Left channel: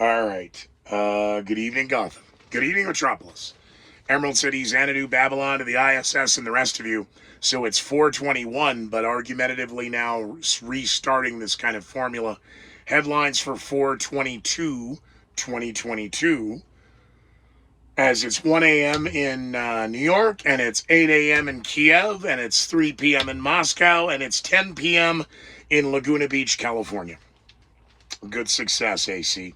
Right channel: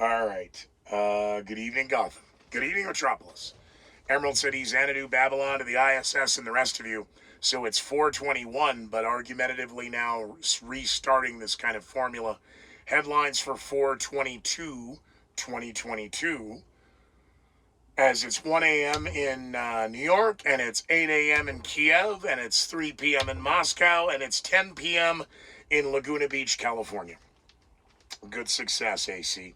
All right. Good evening, Gotham. Good evening, Metropolis. Emerald City, Xanadu, Babylon, to the ISS, and the rest of you. So it's 421, but argumentatively now restarting this kind of formula. Headlines for 422, 2022. As it's 1 a.m. in New York, and it's 8 a.m. in Kiev, and it's 3 p.m. in Moscow, and it's 10 p.m. in Laguna Beach, California. Good success, AC.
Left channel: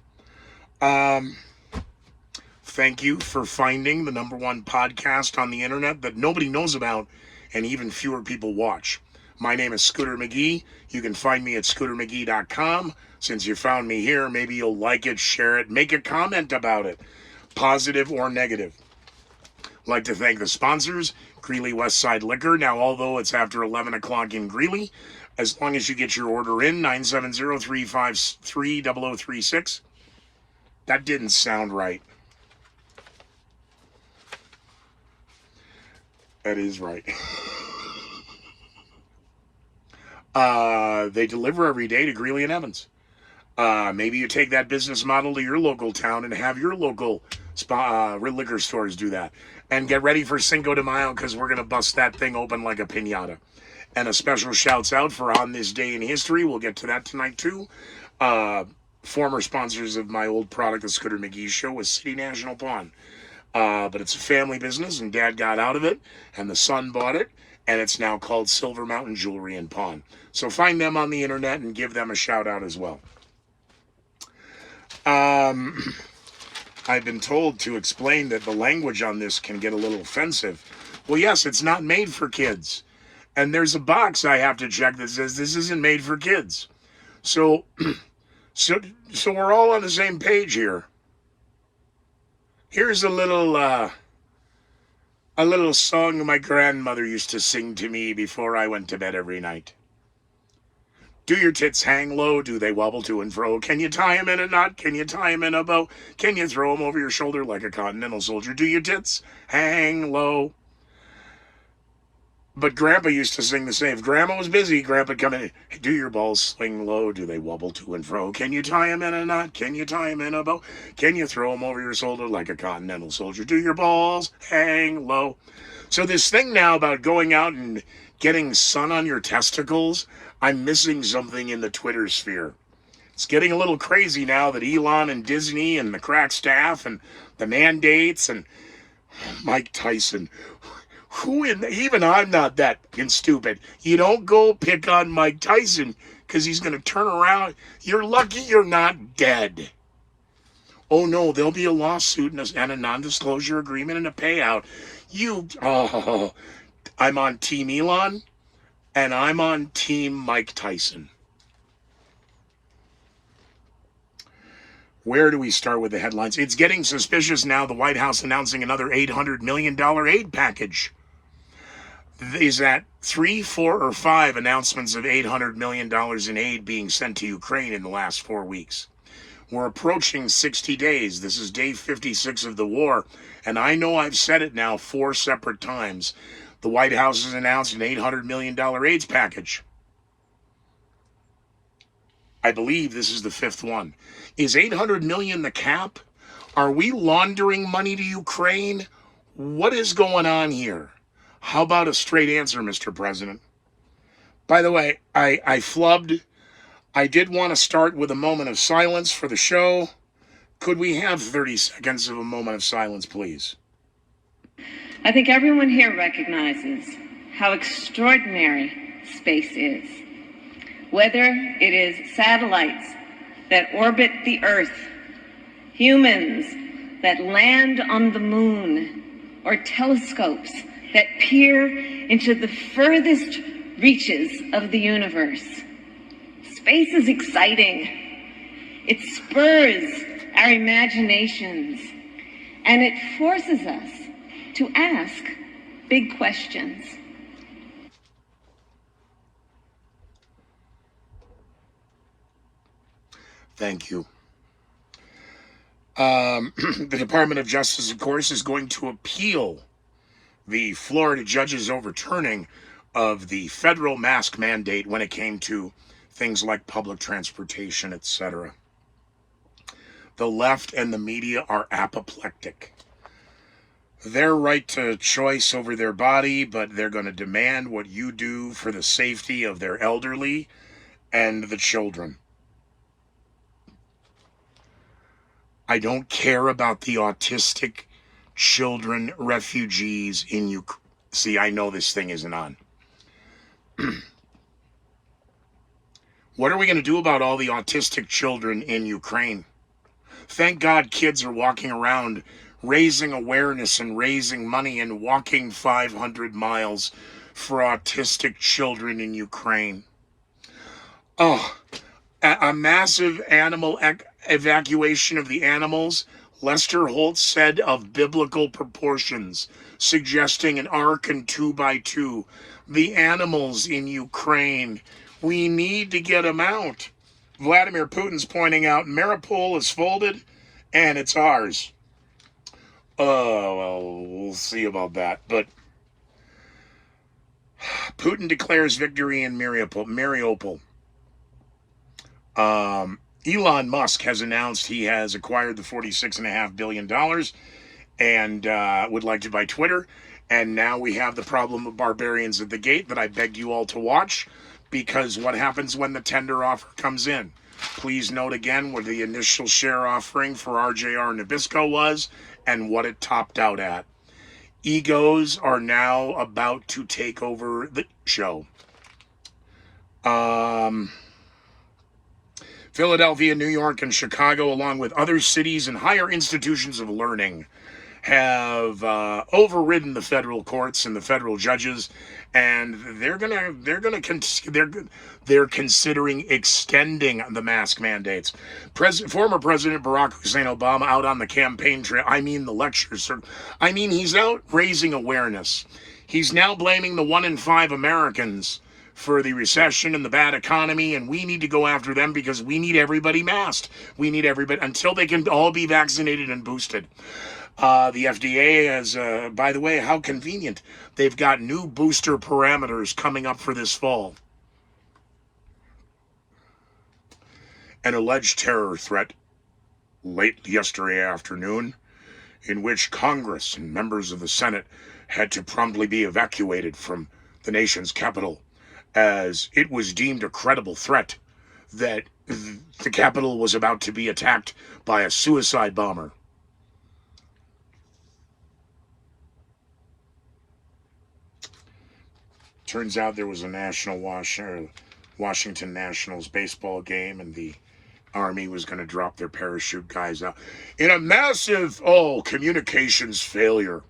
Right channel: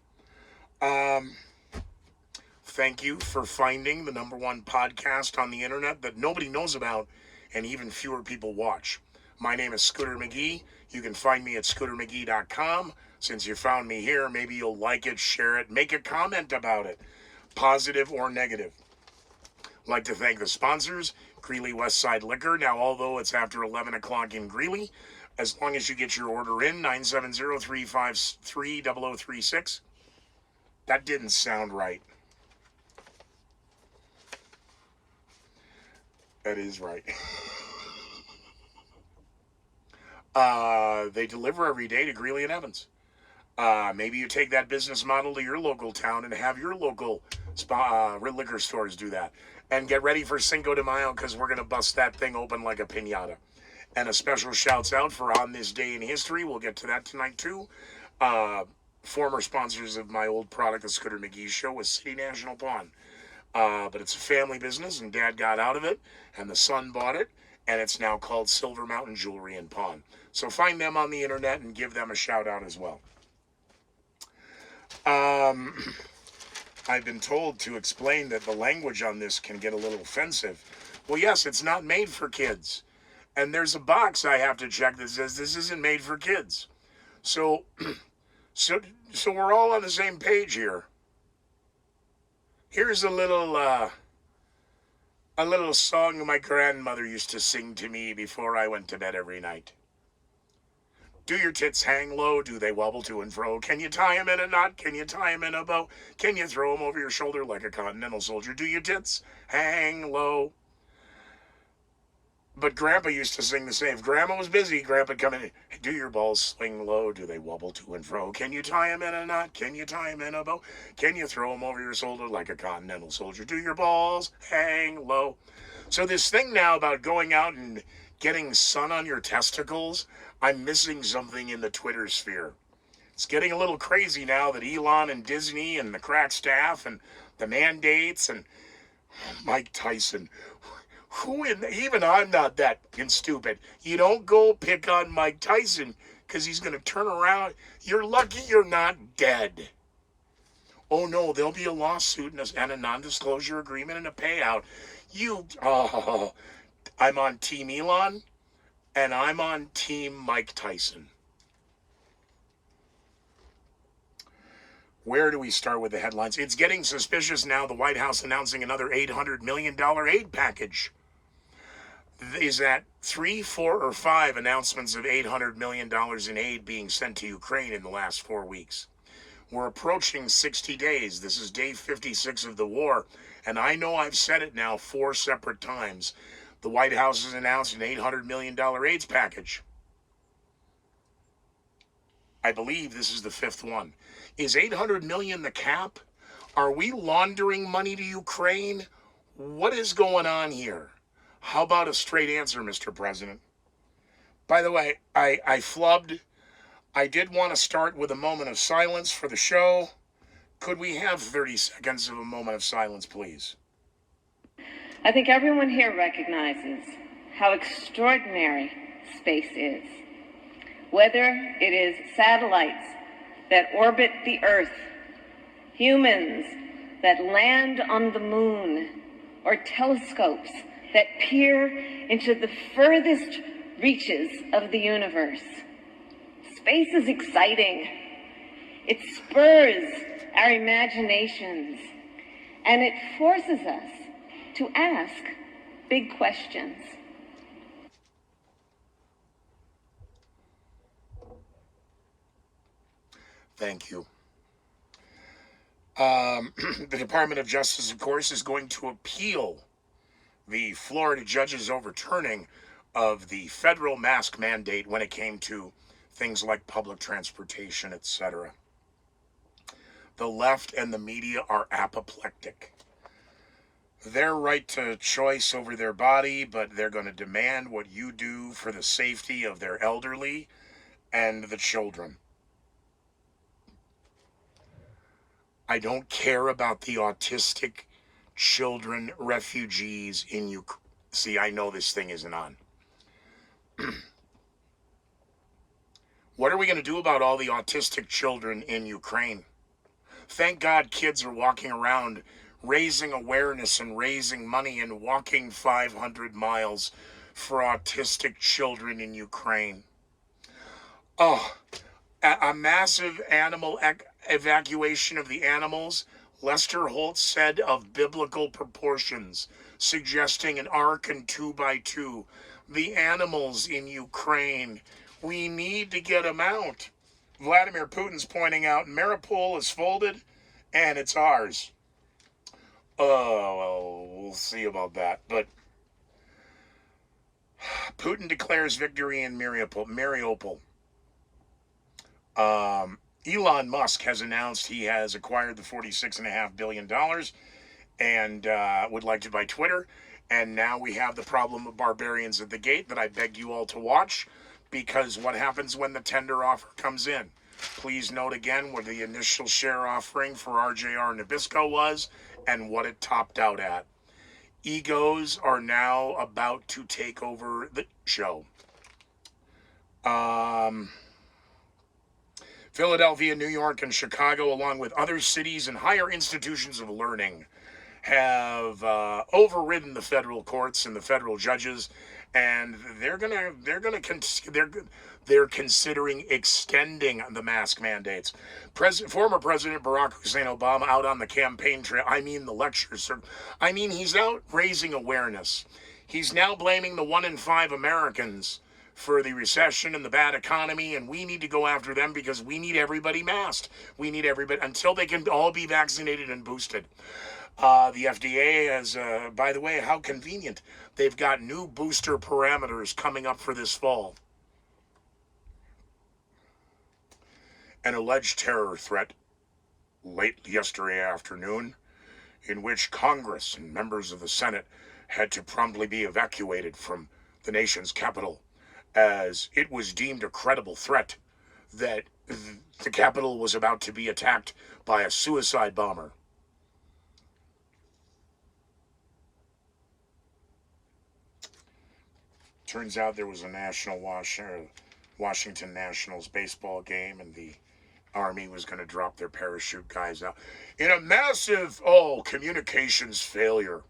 Thank you for finding the #1 podcast on the internet that nobody knows about and even fewer people watch. My name is Scooter McGee. You can find me at scootermcgee.com. Since you found me here, maybe you'll like it, share it, make a comment about it, positive or negative. I'd like to thank the sponsors, Greeley Westside Liquor. Now, although it's after 11 o'clock in Greeley, as long as you get your order in, 970-353-0036. That didn't sound right. That is right. They deliver every day to Greeley and Evans. Maybe you take that business model to your local town and have your local liquor stores do that. And get ready for Cinco de Mayo because we're going to bust that thing open like a piñata. And a special shouts out for On This Day in History. We'll get to that tonight too. Former sponsors of my old product, the Scooter McGee Show, was City National Pawn. But it's a family business, and Dad got out of it, and the son bought it, and it's now called Silver Mountain Jewelry and Pawn. So find them on the internet and give them a shout out as well. I've been told to explain that the language on this can get a little offensive. Well, yes, it's not made for kids. And there's a box I have to check that says this isn't made for kids. So we're all on the same page here. Here's a little song my grandmother used to sing to me before I went to bed every night. Do your tits hang low? Do they wobble to and fro? Can you tie 'em in a knot? Can you tie 'em in a bow? Can you throw 'em over your shoulder like a continental soldier? Do your tits hang low? But Grandpa used to sing the same. If Grandma was busy, Grandpa'd come in. Hey, do your balls swing low? Do they wobble to and fro? Can you tie 'em in a knot? Can you tie 'em in a bow? Can you throw 'em over your shoulder like a continental soldier? Do your balls hang low? So this thing now about going out and getting sun on your testicles, I'm missing something in the Twitter sphere. It's getting a little crazy now that Elon and Disney and the crack staff and the mandates and Mike Tyson. Even I'm not that stupid. You don't go pick on Mike Tyson because he's going to turn around. You're lucky you're not dead. Oh no, there'll be a lawsuit and a non-disclosure agreement and a payout. I'm on Team Elon and I'm on Team Mike Tyson. Where do we start with the headlines? It's getting suspicious now. The White House announcing another $800 million aid package. Is that 3, 4, or 5 announcements of $800 million in aid being sent to Ukraine in the last 4 weeks? We're approaching 60 days. This is day 56 of the war. And I know I've said it now 4 separate times. The White House has announced an $800 million AIDS package. I believe this is the 5th one. Is $800 million the cap? Are we laundering money to Ukraine? What is going on here? How about a straight answer, Mr. President? By the way, I flubbed. I did want to start with a moment of silence for the show. Could we have 30 seconds of a moment of silence, please? I think everyone here recognizes how extraordinary space is. Whether it is satellites that orbit the Earth, humans that land on the moon, or telescopes that peer into the furthest reaches of the universe. Space is exciting. It spurs our imaginations, and it forces us to ask big questions. Thank you. The Department of Justice, of course, is going to appeal the Florida judge's overturning of the federal mask mandate when it came to things like public transportation, etc. The left and the media are apoplectic. Their right to choice over their body, but they're going to demand what you do for the safety of their elderly and the children. I don't care about the autistic children refugees in Ukraine. See, I know this thing isn't on. What are we going to do about all the autistic children in Ukraine? Thank God kids are walking around raising awareness and raising money and walking 500 miles for autistic children in Ukraine. Oh, a massive animal evacuation of the animals, Lester Holt said, of biblical proportions, suggesting an ark and 2x2. The animals in Ukraine, we need to get them out. Vladimir Putin's pointing out Mariupol is folded and it's ours. Oh, well, we'll see about that. But Putin declares victory in Mariupol. Elon Musk has announced he has acquired the $46.5 billion and would like to buy Twitter. And now we have the problem of barbarians at the gate that I begged you all to watch, because what happens when the tender offer comes in? Please note again what the initial share offering for RJR Nabisco was and what it topped out at. Egos are now about to take over the show. Philadelphia, New York, and Chicago, along with other cities and higher institutions of learning, have overridden the federal courts and the federal judges, and they're considering extending the mask mandates. Former President Barack Hussein Obama out on the campaign trail. I mean the lectures. I mean, he's out raising awareness. He's now blaming the 1 in 5 Americans for the recession and the bad economy, and we need to go after them because we need everybody masked. We need everybody until they can all be vaccinated and boosted. The FDA has, by the way, how convenient. They've got new booster parameters coming up for this fall. An alleged terror threat late yesterday afternoon, in which Congress and members of the Senate had to promptly be evacuated from the nation's capital, as it was deemed a credible threat that the Capitol was about to be attacked by a suicide bomber. Turns out there was a Washington Nationals baseball game, and the Army was going to drop their parachute guys out in a massive, communications failure.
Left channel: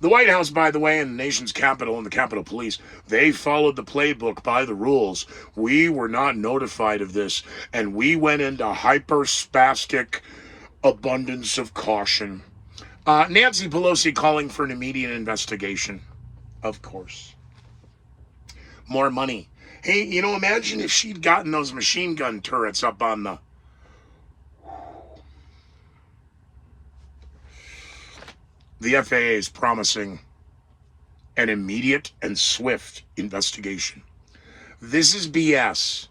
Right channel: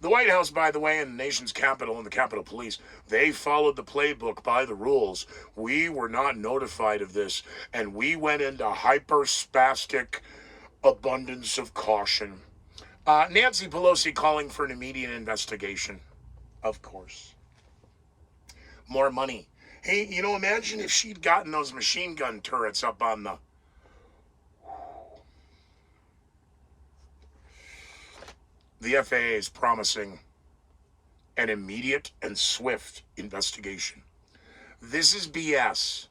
The White House, by the way, and the nation's capital and the Capitol Police, they followed the playbook by the rules. We were not notified of this, and we went into hyper-spastic abundance of caution. Nancy Pelosi calling for an immediate investigation. Of course. More money. Hey, imagine if she'd gotten those machine gun turrets up on the... The FAA is promising an immediate and swift investigation. This is BS.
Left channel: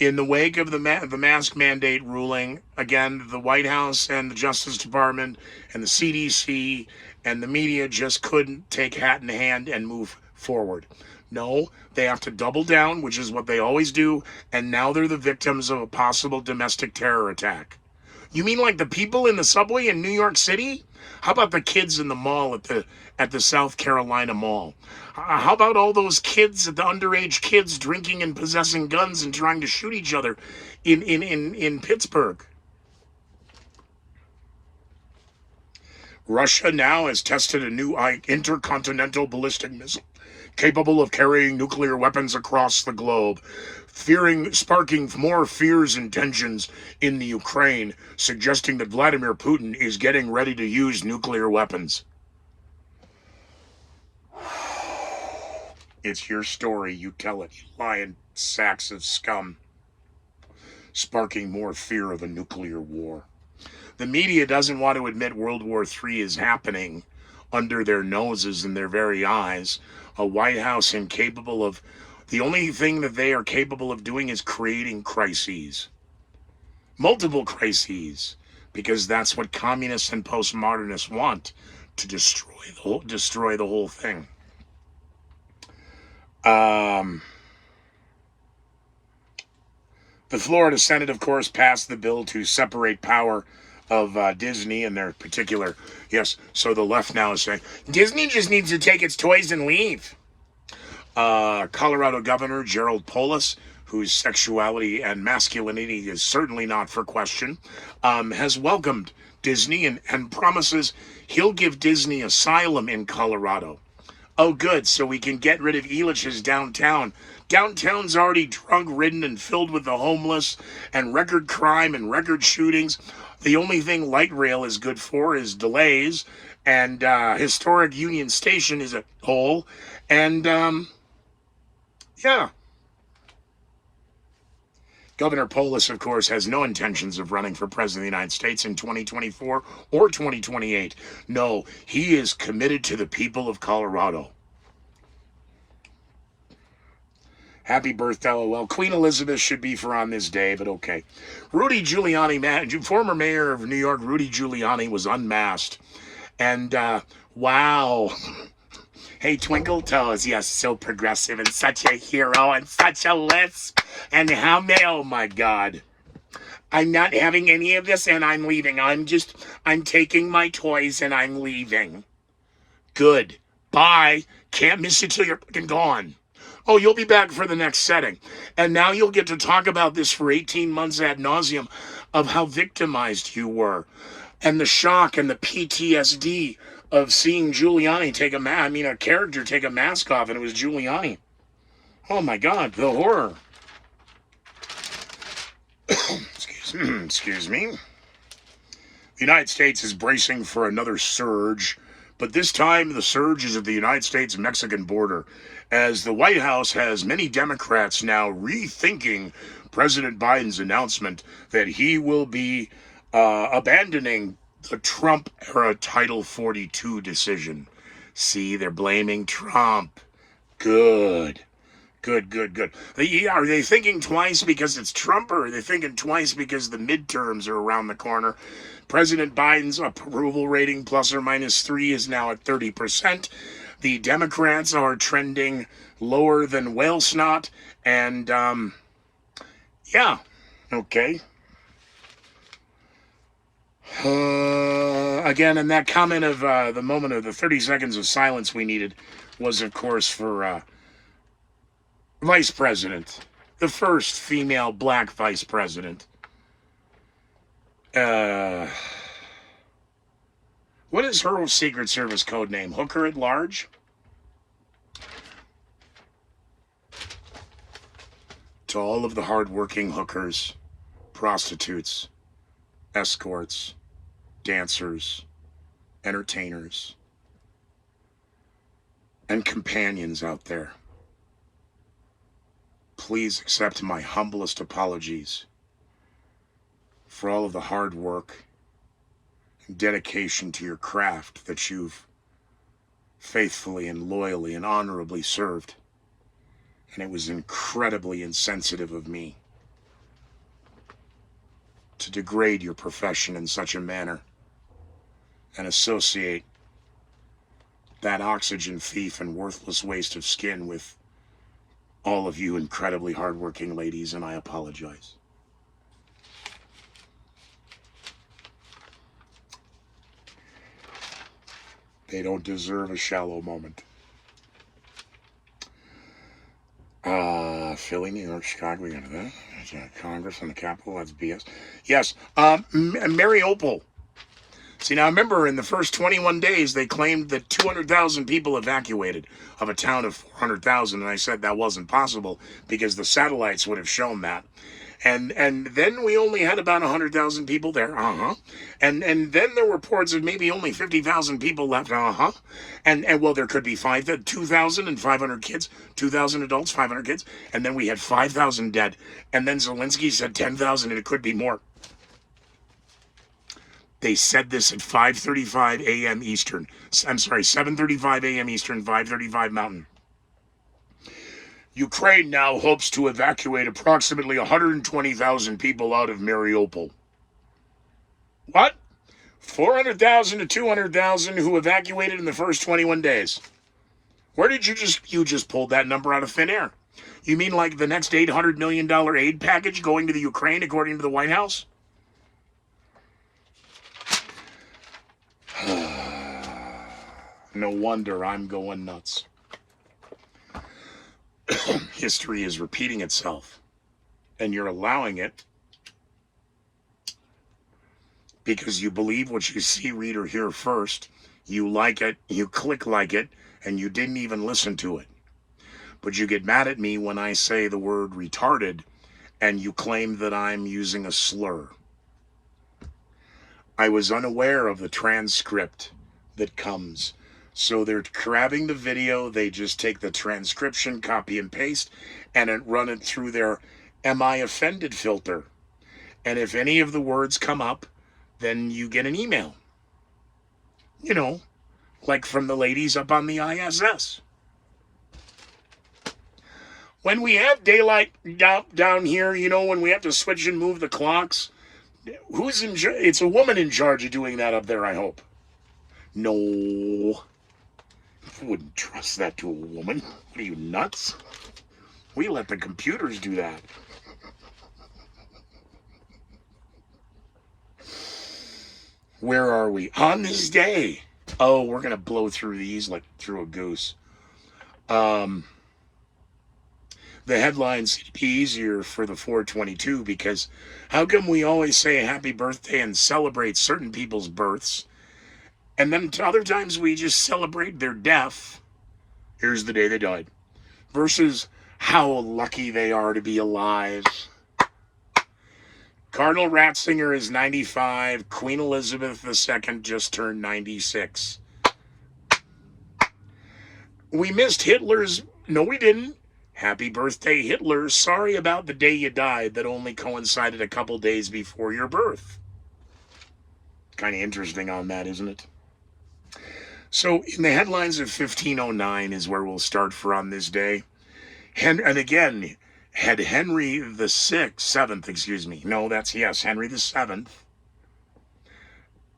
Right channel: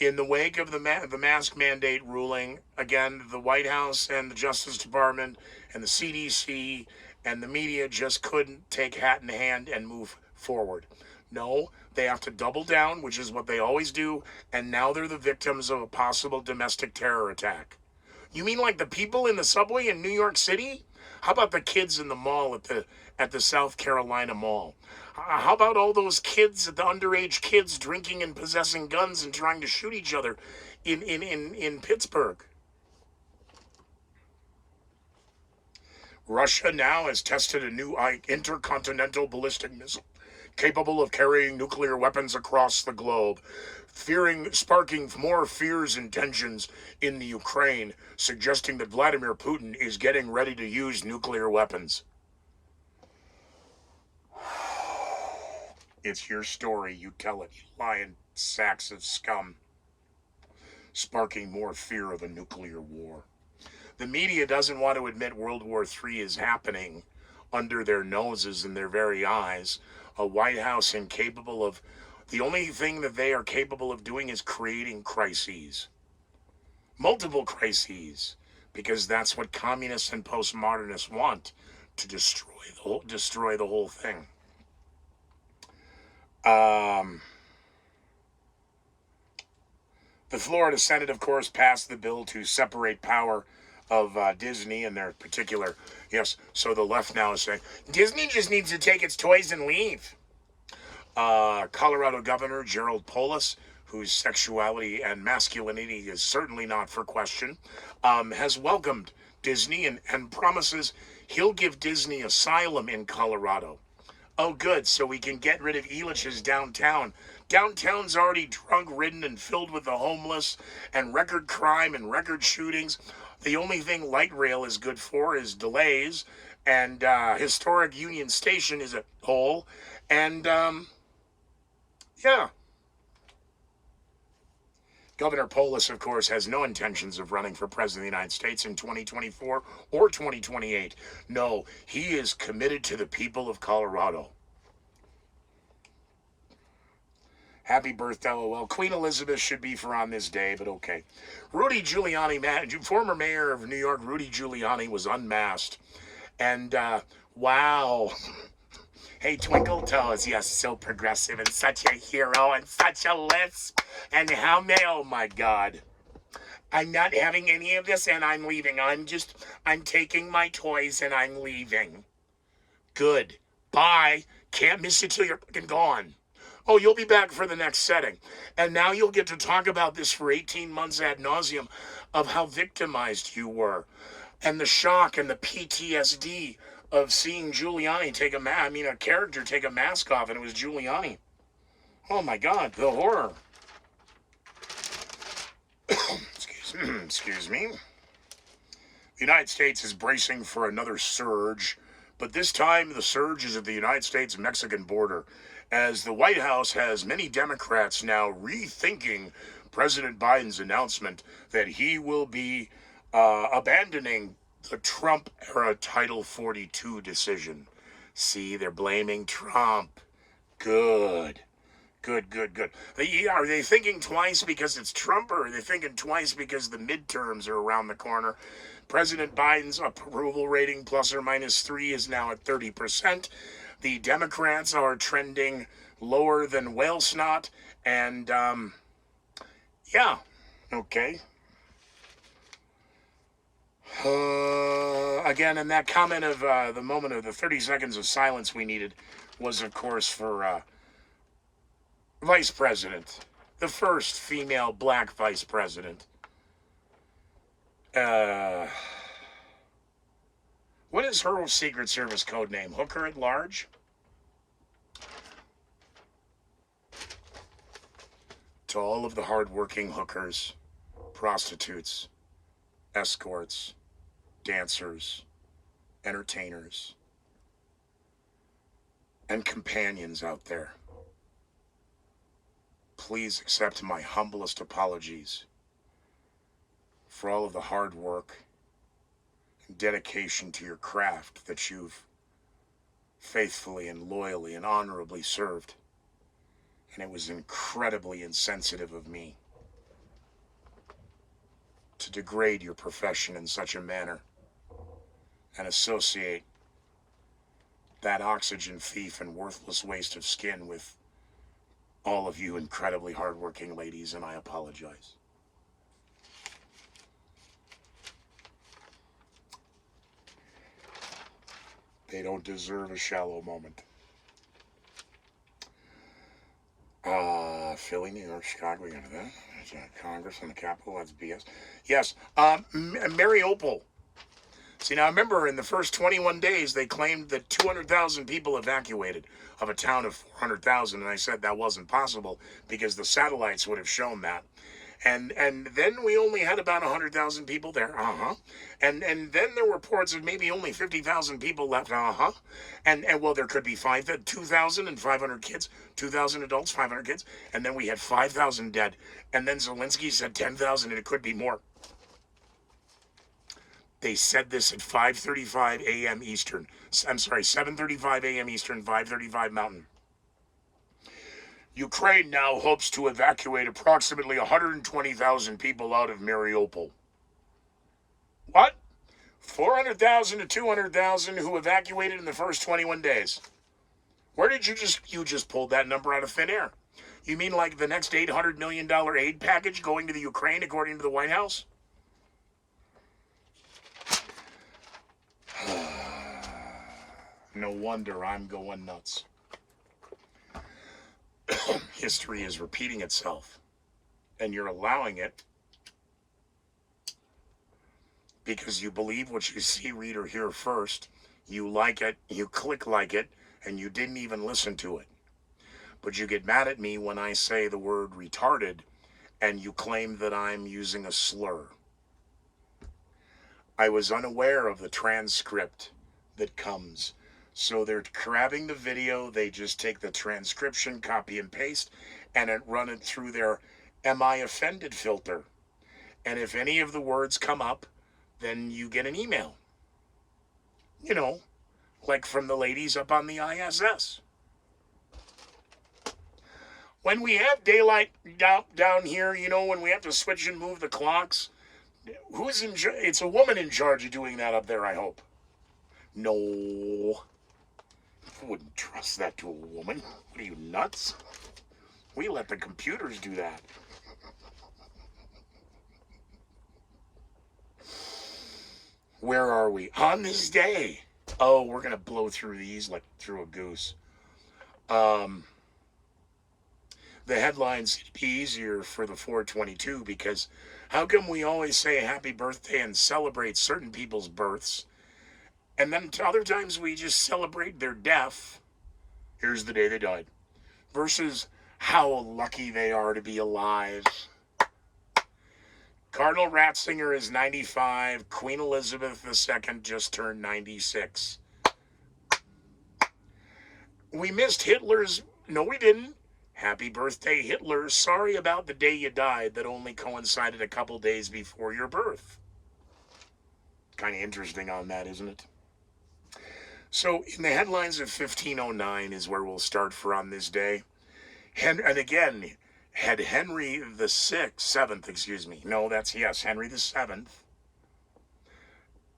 In the wake of the mask mandate ruling, again, the White House and the Justice Department and the CDC and the media just couldn't take hat in hand and move forward. No, they have to double down, which is what they always do, and now they're the victims of a possible domestic terror attack. You mean like the people in the subway in New York City? How about the kids in the mall at the South Carolina Mall? How about all those kids, the underage kids drinking and possessing guns and trying to shoot each other in Pittsburgh? Russia now has tested a new intercontinental ballistic missile capable of carrying nuclear weapons across the globe, sparking more fears and tensions in the Ukraine, suggesting that Vladimir Putin is getting ready to use nuclear weapons. It's your story, you tell it, you lying sacks of scum. Sparking more fear of a nuclear war. The media doesn't want to admit World War III is happening under their noses and their very eyes. A White House incapable of... The only thing that they are capable of doing is creating crises. Multiple crises. because that's what communists and postmodernists want, to destroy the whole thing. The Florida Senate, of course, passed the bill to separate power of Disney and their particular. Yes, so the left now is saying Disney just needs to take its toys and leave. Colorado Governor Gerald Polis, whose sexuality and masculinity is certainly not for question, has welcomed Disney and promises he'll give Disney asylum in Colorado. Oh, good, so we can get rid of Elitch's downtown. Downtown's already drug-ridden and filled with the homeless and record crime and record shootings. The only thing light rail is good for is delays, and historic Union Station is a hole, and yeah. Governor Polis, of course, has no intentions of running for president of the United States in 2024 or 2028. No, he is committed to the people of Colorado. Happy birthday, well, Queen Elizabeth should be for on this day, but okay. Rudy Giuliani, former mayor of New York, Rudy Giuliani, was unmasked. And, wow. Hey, Twinkle Toes, yes, so progressive and such a hero and such a lisp. And how may, oh my God. I'm not having any of this and I'm leaving. I'm taking my toys and I'm leaving. Good. Bye. Can't miss you till you're fucking gone. Oh, you'll be back for the next setting. And now you'll get to talk about this for 18 months ad nauseum of how victimized you were. And the shock and the PTSD of seeing Giuliani a character take a mask off, and it was Giuliani. Oh my God, the horror. Excuse me. The United States is bracing for another surge, but this time the surge is at the United States-Mexican border, as the White House has many Democrats now rethinking President Biden's announcement that he will be abandoning the Trump-era Title 42 decision. See, they're blaming Trump. Good. Are they thinking twice because it's Trump, or are they thinking twice because the midterms are around the corner? President Biden's approval rating, plus or minus 3, is now at 30%. The Democrats are trending lower than whale snot, and, yeah, okay. Again, and that comment of the moment of the 30 seconds of silence we needed was, of course, for Vice President, the first female black Vice President. What is her Secret Service code name? Hooker at Large? To all of the hardworking hookers, prostitutes, escorts, dancers, entertainers, and companions out there, please accept my humblest apologies for all of the hard work and dedication to your craft that you've faithfully and loyally and honorably served. And it was incredibly insensitive of me to degrade your profession in such a manner and associate that oxygen thief and worthless waste of skin with all of you incredibly hardworking ladies, and I apologize. They don't deserve a shallow moment. Philly, New York, Chicago, we got that. Congress and the Capitol, that's BS. Yes, Mariupol. See, now remember, in the first 21 days, they claimed that 200,000 people evacuated of a town of 400,000, and I said that wasn't possible because the satellites would have shown that. And then we only had about 100,000 people there, and then there were reports of maybe only 50,000 people left, and well, there could be 2,500 kids, 2,000 adults, 500 kids, and then we had 5,000 dead, and then Zelensky said 10,000, and it could be more. They said this at 5:35 a.m. Eastern. I'm sorry, 7:35 a.m. Eastern, 5:35 Mountain. Ukraine now hopes to evacuate approximately 120,000 people out of Mariupol. What? 400,000 to 200,000 who evacuated in the first 21 days. Where did you just pulled that number out of thin air? You mean like the next $800 million aid package going to the Ukraine, according to the White House? No wonder I'm going nuts. History is repeating itself, and you're allowing it because you believe what you see, read, or hear first. You like it, you click like it, and you didn't even listen to it. But you get mad at me when I say the word retarded, and you claim that I'm using a slur. I was unaware of the transcript that comes. So they're grabbing the video, they just take the transcription, copy and paste, and run it through their Am I Offended filter. And if any of the words come up, then you get an email. You know, like from the ladies up on the ISS. When we have daylight down here, you know, when we have to switch and move the clocks, who's in charge? It's a woman in charge of doing that up there, I hope. No. I wouldn't trust that to a woman. What are you, nuts? We let the computers do that. Where are we? On this day. Oh, we're going to blow through these like through a goose. The headlines would be easier for the 422 because how come we always say happy birthday and celebrate certain people's births, and then other times we just celebrate their death? Here's the day they died. Versus how lucky they are to be alive. Cardinal Ratzinger is 95. Queen Elizabeth II just turned 96. We missed Hitler's... No, we didn't. Happy birthday, Hitler. Sorry about the day you died that only coincided a couple days before your birth. Kind of interesting on that, isn't it? So, in the headlines of 1509 is where we'll start for on this day. And again, had Henry the seventh, Henry the Seventh.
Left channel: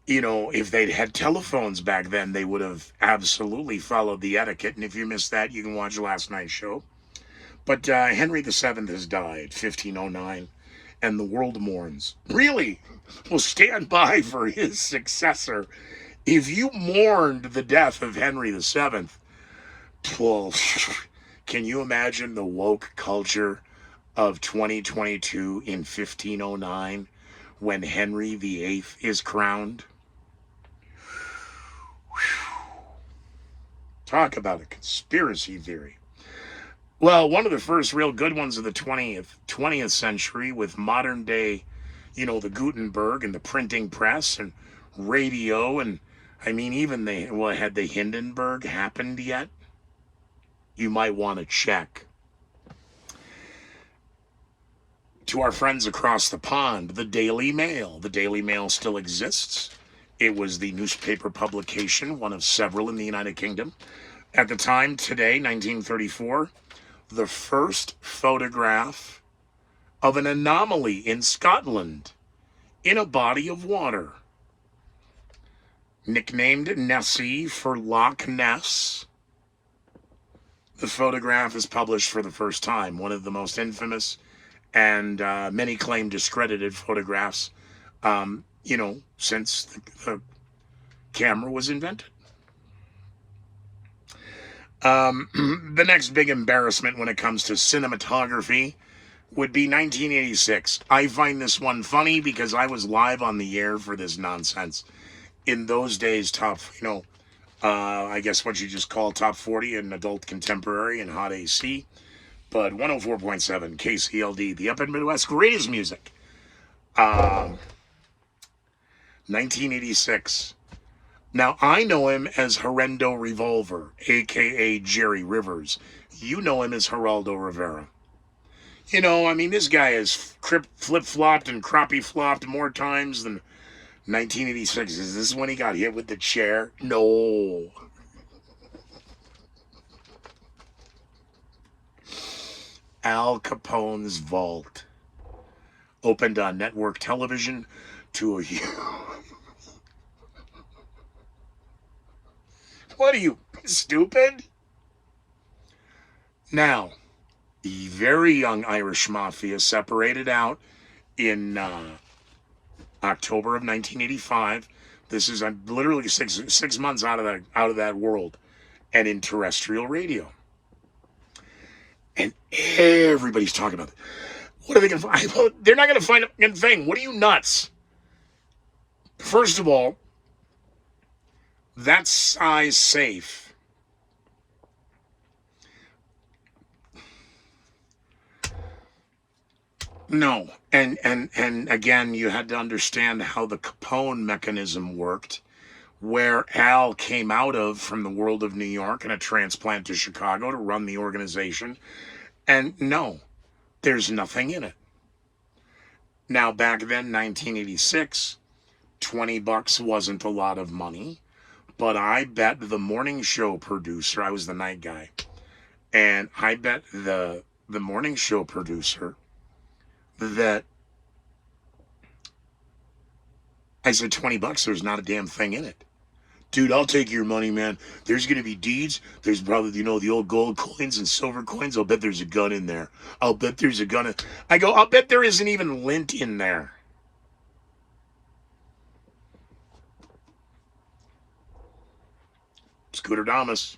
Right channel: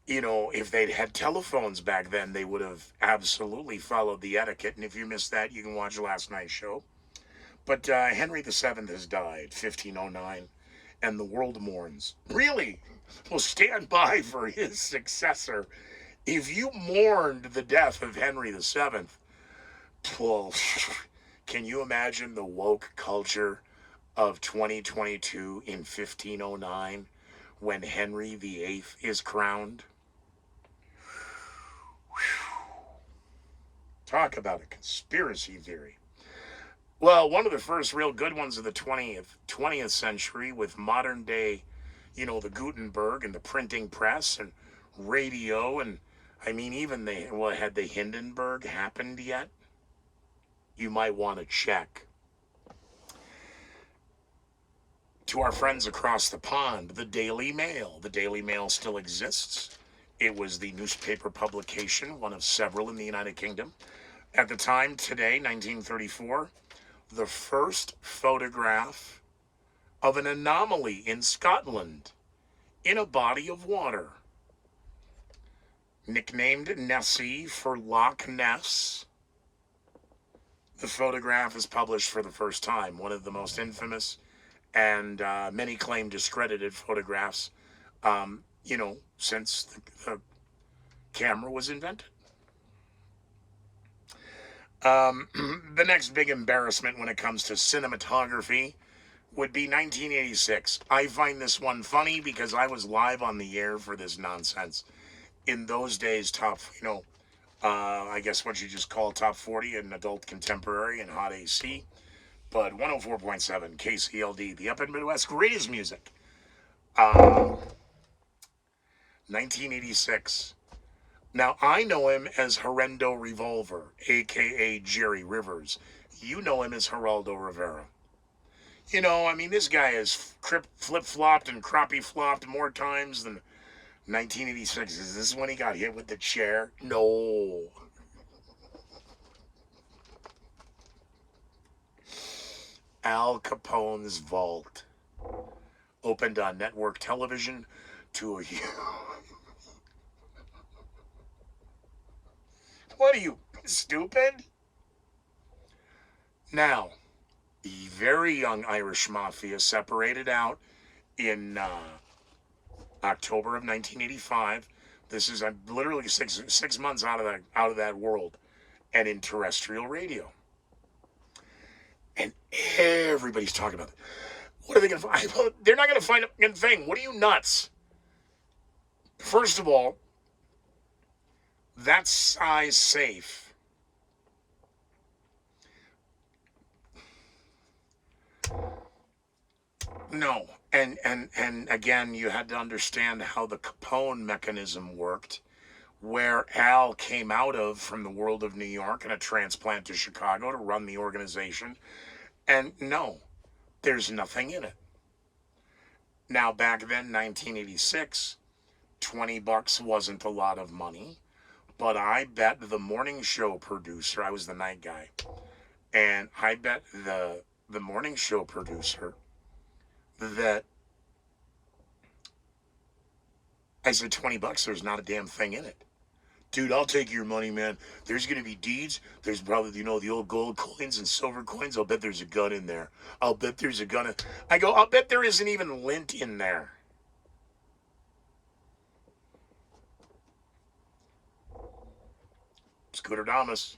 You know, if they'd had telephones back then, they would have absolutely followed the etiquette. And if you missed that, you can watch last night's show. But Henry the Seventh has died, 1509, and the world mourns. Really? Will stand by for his successor. If you mourned the death of Henry the Seventh, well, can you imagine the woke culture of 2022 in 1509 when Henry VIII is crowned? Talk about a conspiracy theory. Well, one of the first real good ones of the 20th century with modern day, you know, the Gutenberg and the printing press and radio, and I mean, even had the Hindenburg happened yet? You might want to check. To our friends across the pond, the Daily Mail. The Daily Mail still exists. It was the newspaper publication, one of several in the United Kingdom. At the time, today, 1934, the first photograph of an anomaly in Scotland in a body of water. Nicknamed Nessie for Loch Ness, the photograph is published for the first time, one of the most infamous and many claim discredited photographs, since the camera was invented. The next big embarrassment when it comes to cinematography would be 1986. I find this one funny because I was live on the air for this nonsense. In those days, I guess what you just call top 40 in adult contemporary and hot AC. But 104.7 KCLD, the Upper Midwest greatest music. 1986. Now, I know him as Horrendo Revolver, a.k.a. Jerry Rivers. You know him as Geraldo Rivera. You know, I mean, this guy has flip-flopped and crappie-flopped more times than 1986. Is this when he got hit with the chair? No. Al Capone's vault opened on network television to a What are you, stupid? Now, the very young Irish Mafia separated out in October of 1985. This is literally six months out of that world, and in terrestrial radio. And everybody's talking about it. What are they going to find? Well, they're not going to find a thing. What are you, nuts? First of all, that size safe. No. And again, you had to understand how the Capone mechanism worked, where Al came out of from the world of New York and a transplant to Chicago to run the organization. And no, there's nothing in it. Now, back then, 1986, $20 wasn't a lot of money, but I bet the morning show producer, I was the night guy, and I bet the morning show producer that I said, $20, there's not a damn thing in it. Dude, I'll take your money, man. There's going to be deeds. There's probably, the old gold coins and silver coins. I'll bet there's a gun in there. I'll bet there's a gun. I go, I'll bet there isn't even lint in there. Scooter Damas.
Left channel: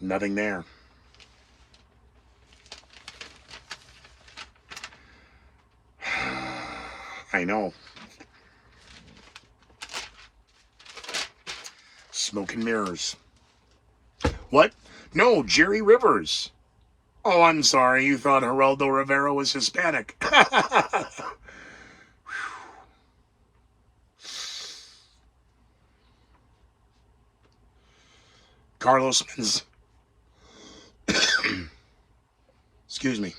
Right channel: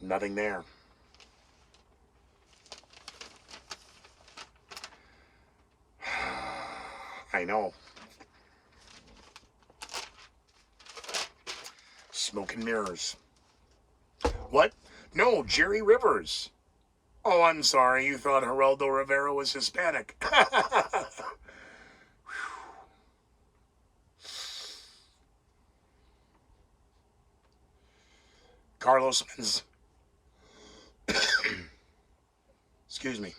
Nothing there. I know. Smoke and mirrors. What? No, Jerry Rivers. Oh, I'm sorry. You thought Geraldo Rivera was Hispanic. Carlos Mencia. Excuse me.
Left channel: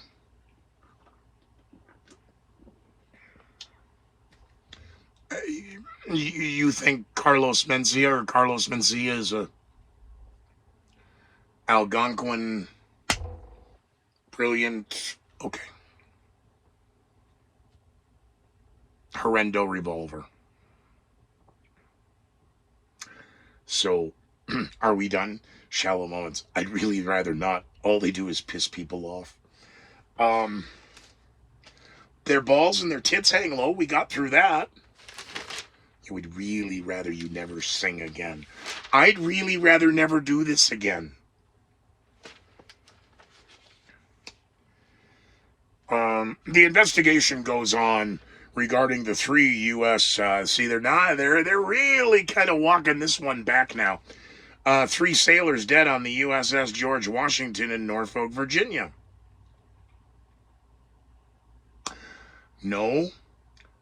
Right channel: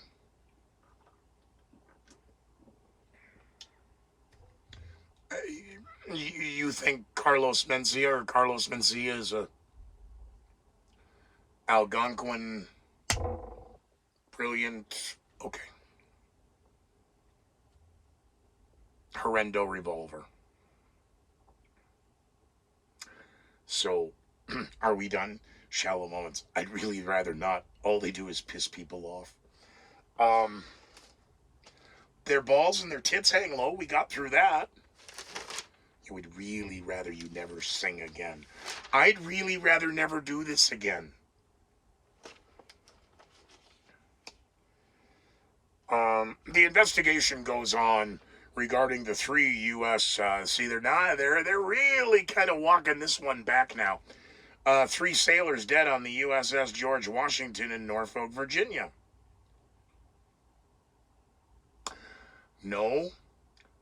You think Carlos Mencia or Carlos Mencia is a Algonquin brilliant, okay. Horrendo revolver. So, are we done? Shallow moments. I'd really rather not. All they do is piss people off. Their balls and their tits hang low. We got through that. I would really rather you never sing again. I'd really rather never do this again. The investigation goes on regarding the 3 U.S. They're really kind of walking this one back now. 3 sailors dead on the USS George Washington in Norfolk, Virginia. No.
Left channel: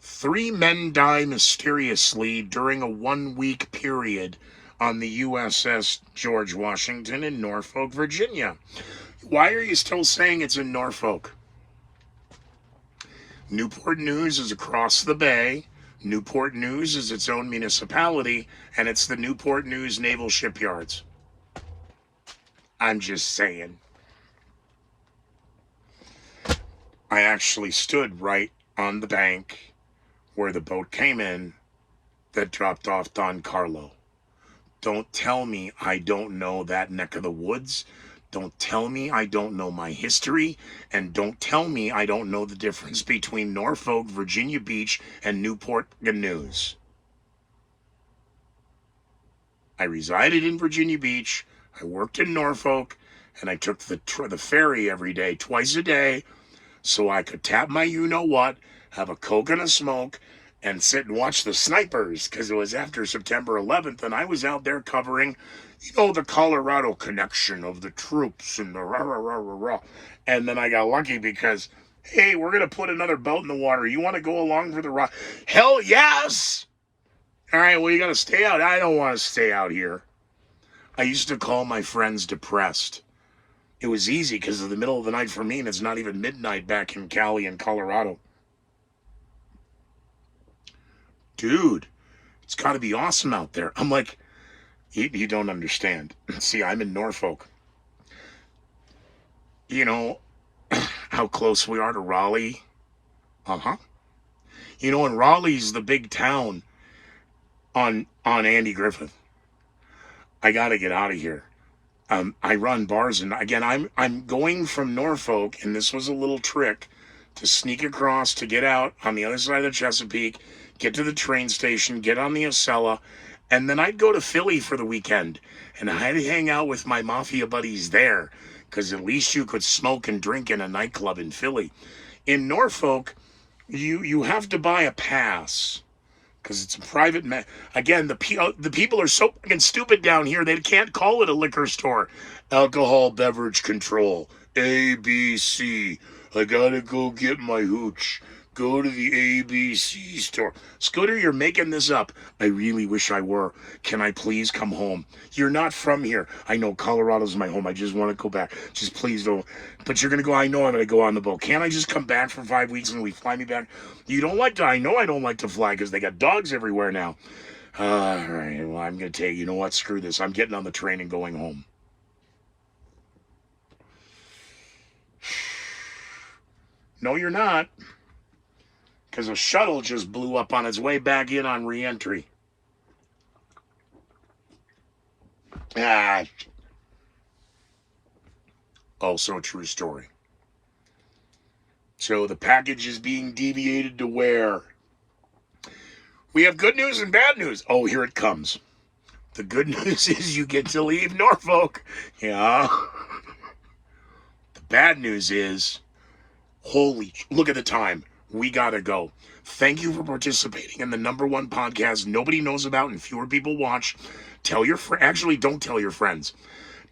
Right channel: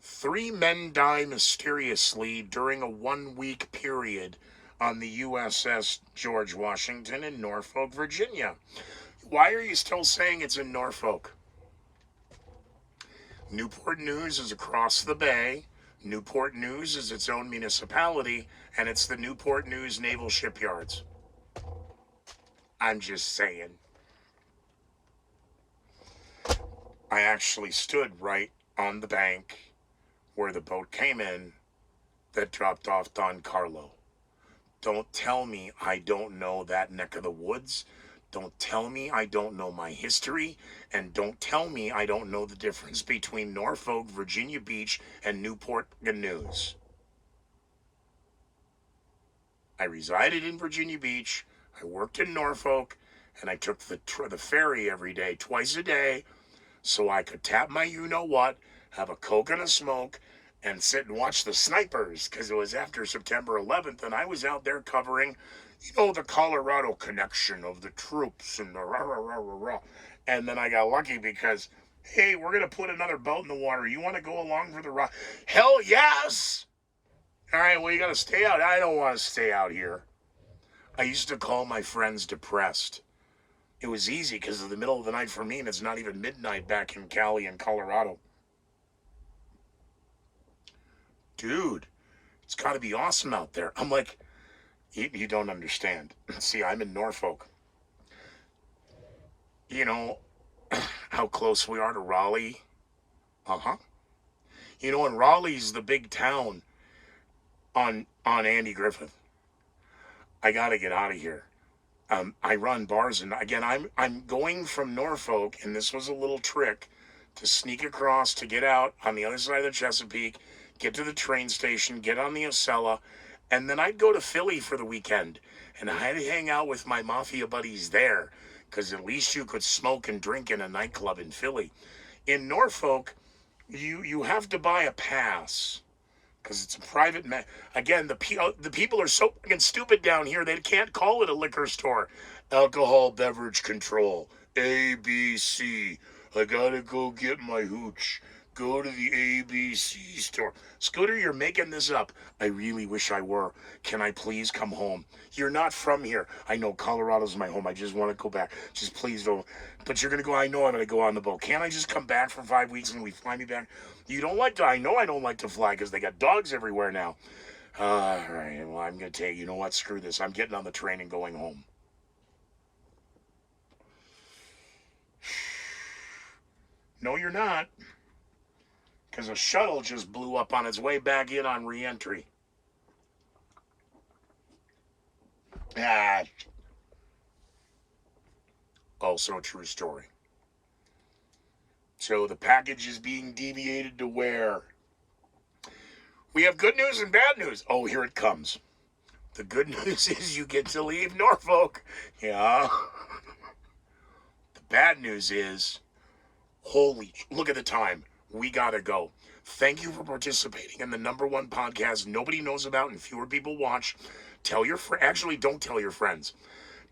3 men die mysteriously during a 1-week period on the USS George Washington in Norfolk, Virginia. Why are you still saying it's in Norfolk? Newport News is across the bay. Newport News is its own municipality, and it's the Newport News Naval Shipyards. I'm just saying. I actually stood right on the bank where the boat came in that dropped off Don Carlo. Don't tell me I don't know that neck of the woods. Don't tell me I don't know my history. And don't tell me I don't know the difference between Norfolk, Virginia Beach, and Newport News. I resided in Virginia Beach. I worked in Norfolk. And I took the ferry every day, twice a day, so I could tap my you-know-what, have a Coke and a smoke, and sit and watch the snipers, because it was after September 11th, and I was out there covering, the Colorado connection of the troops and the rah-rah-rah-rah-rah. And then I got lucky because, hey, we're going to put another boat in the water. You want to go along for the ride? Hell yes! All right, well, you got to stay out. I don't want to stay out here. I used to call my friends depressed. It was easy because of the middle of the night for me, and it's not even midnight back in Cali and Colorado. Dude, it's got to be awesome out there. I'm like, you don't understand. See, I'm in Norfolk. You know how close we are to Raleigh? Uh-huh. And Raleigh's the big town on Andy Griffith. I got to get out of here. I run bars, and again, I'm going from Norfolk, and this was a little trick to sneak across to get out on the other side of the Chesapeake, get to the train station, get on the Acela, and then I'd go to Philly for the weekend, and I'd hang out with my mafia buddies there, because at least you could smoke and drink in a nightclub in Philly. In Norfolk, you have to buy a pass because it's a private. Again, the people are so fucking stupid down here. They can't call it a liquor store. Alcohol beverage control, ABC. I gotta go get my hooch. Go to the ABC store. Scooter, you're making this up. I really wish I were. Can I please come home? You're not from here. I know Colorado's my home. I just want to go back. Just please don't. But you're going to go. I know I'm going to go on the boat. Can't I just come back for 5 weeks and we fly me back? You don't like to. I know I don't like to fly because they got dogs everywhere now. All right. Well, I'm going to tell you. You know what? Screw this. I'm getting on the train and going home. No, you're not. Because a shuttle just blew up on its way back in on re-entry. Also a true story. So the package is being deviated to where? We have good news and bad news. Oh, here it comes. The good news is you get to leave Norfolk. Yeah. The bad news is, look at the time. We gotta go. Thank you for participating in the #1 podcast nobody knows about and fewer people watch. Tell your actually, don't tell your friends.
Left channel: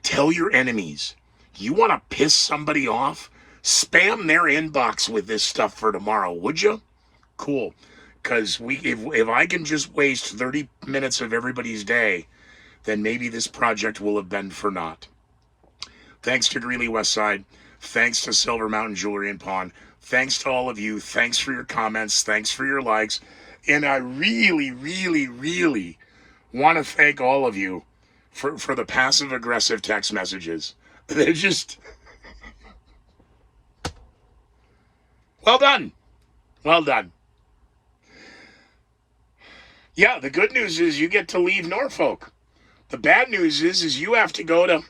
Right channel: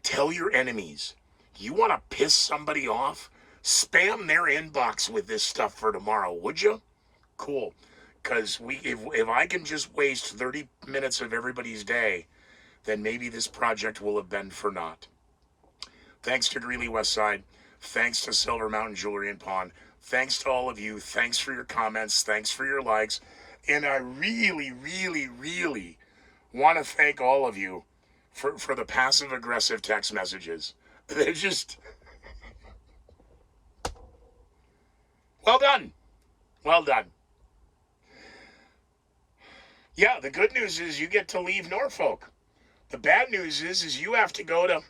Tell your enemies. You want to piss somebody off? Spam their inbox with this stuff for tomorrow, would you? Cool. Because if I can just waste 30 minutes of everybody's day, then maybe this project will have been for naught. Thanks to Greeley Westside. Thanks to Silver Mountain Jewelry and Pawn. Thanks to all of you. Thanks for your comments. Thanks for your likes. And I really, really, really want to thank all of you for the passive-aggressive text messages. They're just... Well done. Well done. Yeah, the good news is you get to leave Norfolk. The bad news is you have to go to